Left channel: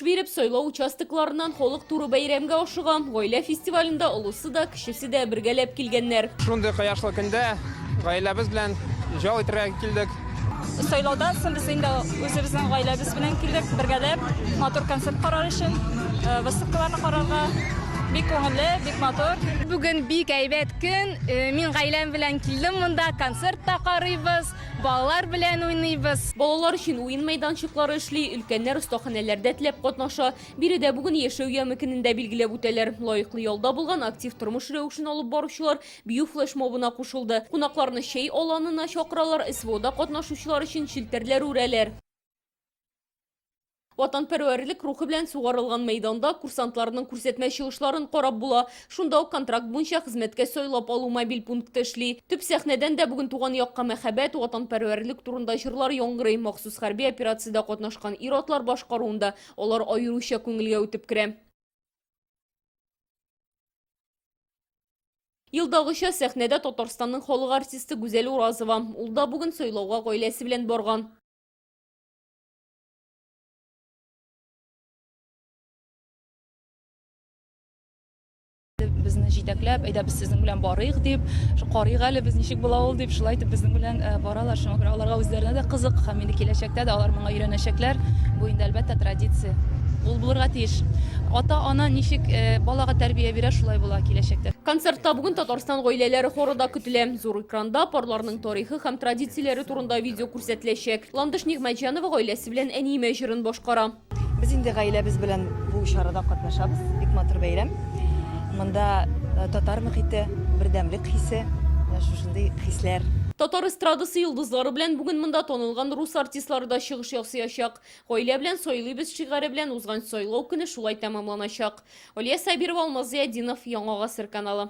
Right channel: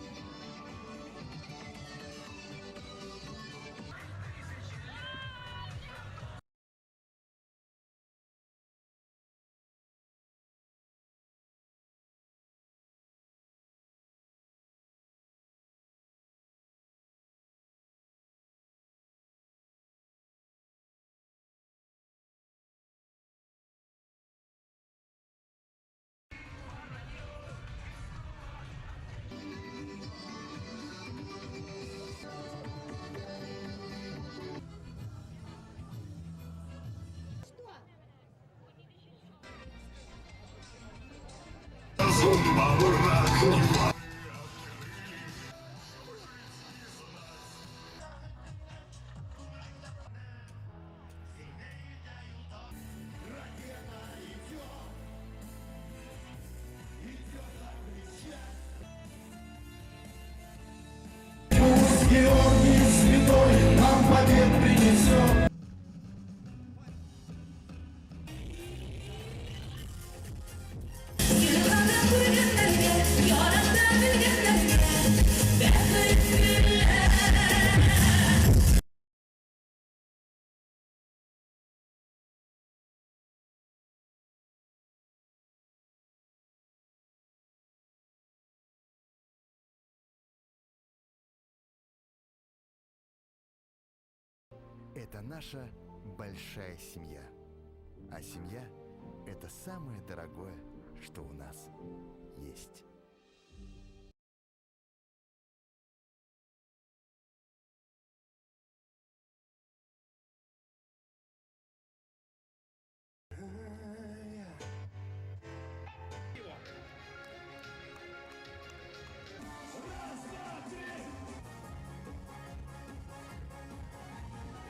Тормыш биреп, сойлау участокларынан холык туры бәйрәмгә ашыган. Гаилә фестивалендә олысы да, кечесе дә бергәләп килгәннәр. Шундый кыяшлы көндә гаиләбез белән җал итәргә килдек. Сайлаудан соң без инде үзебезнең гаиләбез белән килдек, бергәләп матур концерт карар өчен, выставкаларны карарга. Бик күңелле, бик матур. Бүген бик әйбәт көн. Мин гаиләм белән килдем, монда концерт та карыйбыз, балалар белән уйныйбыз. Балалар өчен уен мәйданчыклары эшли, өлкәннәр остаханәләрдә теләп катнаша. Биредә бүген яшәү ямыкенендә билгеләп үтәләр. Лаеклы ялда булган актив тормыш рәвешен алып баручылар бию флешмобына кушылды. Кунакларны чәй аланына чакыралар, СВОда катнашучылар өчен челтәрләр үрәләр. Ватанпәрвәрлек рухы белән сугарылган мәйданда курсантларның күрсәтмә чыгышларын карап була. Шунда ук контракт буенча хезмәткә сайлап алу мобиль пункты эшли. Төп сәхнәдән дә бүген туган якка мәхәббәт, ватанпәрвәрлек турында җырлар яңгырый. Махсус хәрби операциядә катнашкан ир-атлар башкаруында алар аеруча күңелгә үтеп керә. Елдагыча сәхнәдә Татарстанның халык артисты Гүзәл Уразова. Ул да бүген сайлауга гаиләсе белән барган. Безне җитәкләп, әйдә без сезнең белән барыйк дип, карыйк әле без ничек була ул дип, шулай итеп безнең белән баралар. Шуңа күрә аларга үзләренә дә кызык, һәм инде киләчәктә дә алар моңа өйрәнәчәкләр. Бу инде әлбәттә традиция. Ул булырга тиеш. Ата-ана ничек балага тәрбия бирә, шулай була киләчәктә. Концертта бүген Татарстан гаиләләре хоры да көтелә. Зур экранда парларның тарихы һәм традицияләре турында видео күрсәтеләчәк. Ландыш Нигъмәтҗанова гаиләсе белән әниемә җырын башкара. Без инде гаиләбез белән бу чарада катнашабыз. Бик матур бәйрәм. Монда татар мөхите, бердәмлек хисе, шушындый хисләр. Татар эстрадасы йолдызлары белән бүген монда танылган рус артистлары да чыгыш ясаячак. Гаилә белән сайлыйбыз шигъре белән узган сайлау көне шулай тәмамланачак. Алия Сабирова, Алмаз Зиядинов, Яңа Гасыр каналы.